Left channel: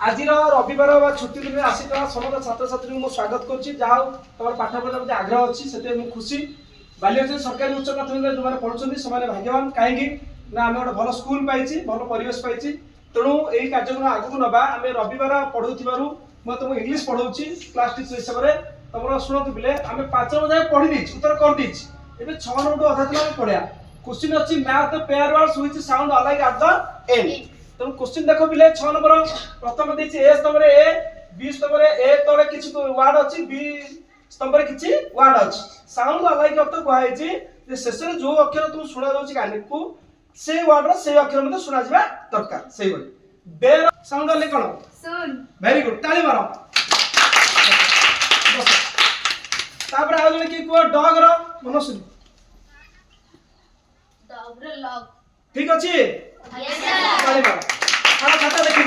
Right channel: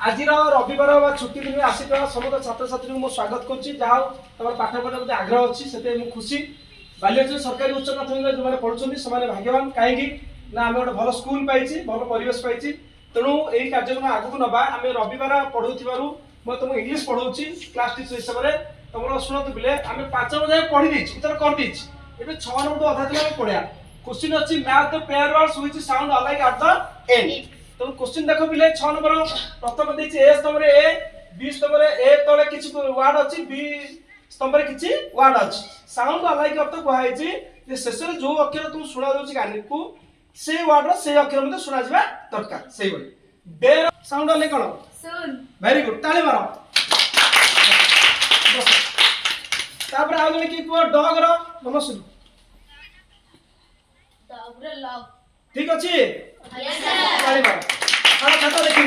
आज रविवार छुट्टी दिन आसिक समस्त छात्र छात्री को स्वागत करुँच जहाँ तुम पाठ पढ़ा प्रति आग्रह अच्छी से खुशी बालियाचल सरकारी उच्च प्राथमिक जो पढ़ुं से भाग्यवान कहीं ना आम गोटे भल स्कूल पाई भल परिवेश पाई तेणु यही कार्यक्रम आगक नवा आम रविवार पढ़ू मैं तुमको इंग्लीश पढ़ाऊँ क्लास टीचर हिसाब से तुम शुणु पिले आम 5 नंबर जाए पढ़ी देती उत्तर करदे 6 नंबर अधा दिन पढ़ा क्वेश्चन अच्छी math pair words which sound alike at the end तुम क्वेश्चन देखो पिले 6 नंबर प्रथम देछि ए स्तंभ रे ए बी स्तंभ रे ए तळे किछि वर्ड अछि बी स्तंभ रे किछि वर्ड अछि साउंड अलाइक अर्थ कहै छै जे शेष रे जो अक्षर तुम सुना दोछि कानी को से वर्ड रो से अक्षर मते सुना जिबा दरकार सेही बडी बेर साउंड अलाइक कोन सुन वेरी गुड ताली मारो तापर आ जने की को डॉग रो मन सुन डॉग रो लॉग ठीक अछि यस सर ताली मारो हां खाता देखि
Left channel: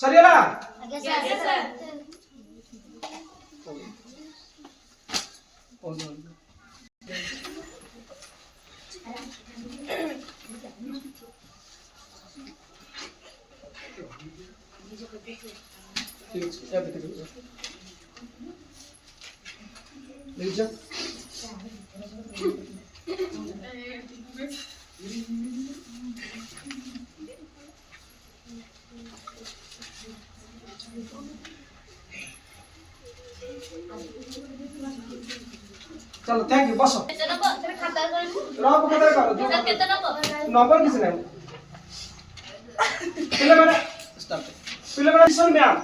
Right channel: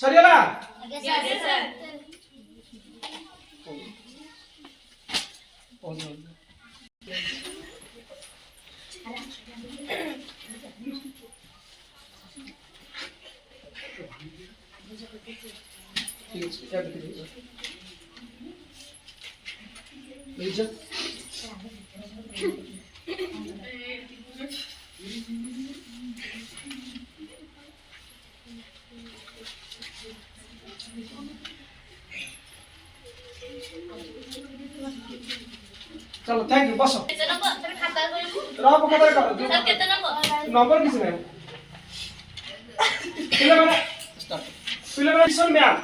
सरियला यस सर चलो थैंक यू बसो केते नंबर तेरे खाता करबो रॉप खाता करो सर केते नंबर नंबर किसी नहीं पिले मैंने स्टार्ट पिले मैंने लिसन म्याम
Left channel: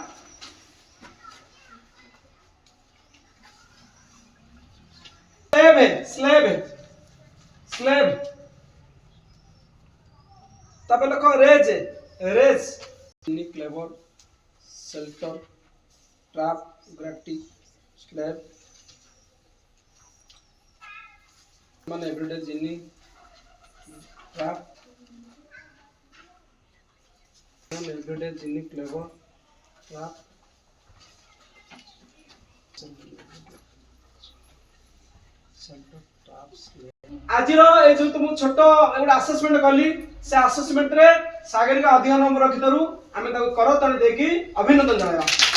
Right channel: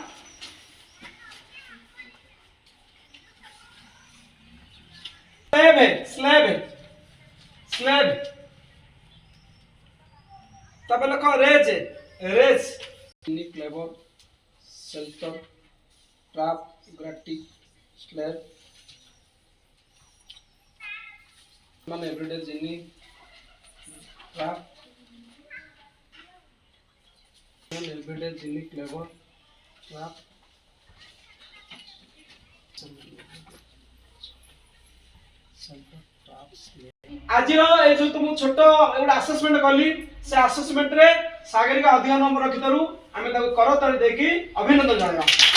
स्लेब तब लिखो रेज क्लेवर शेल्टर ट्रैप ग्रेटिक स्लेब मन एवरीडे जिनी ट्रैप मन एवरीडे जिनी क्लेवर ट्रैप आज जो तुम छोट गोटे आसेसमेंट कली से आसेसमेंट रे सागर का अधिक नंबर रखितरु आमे ताको कर तळे देकी अभिनंदन जणाया।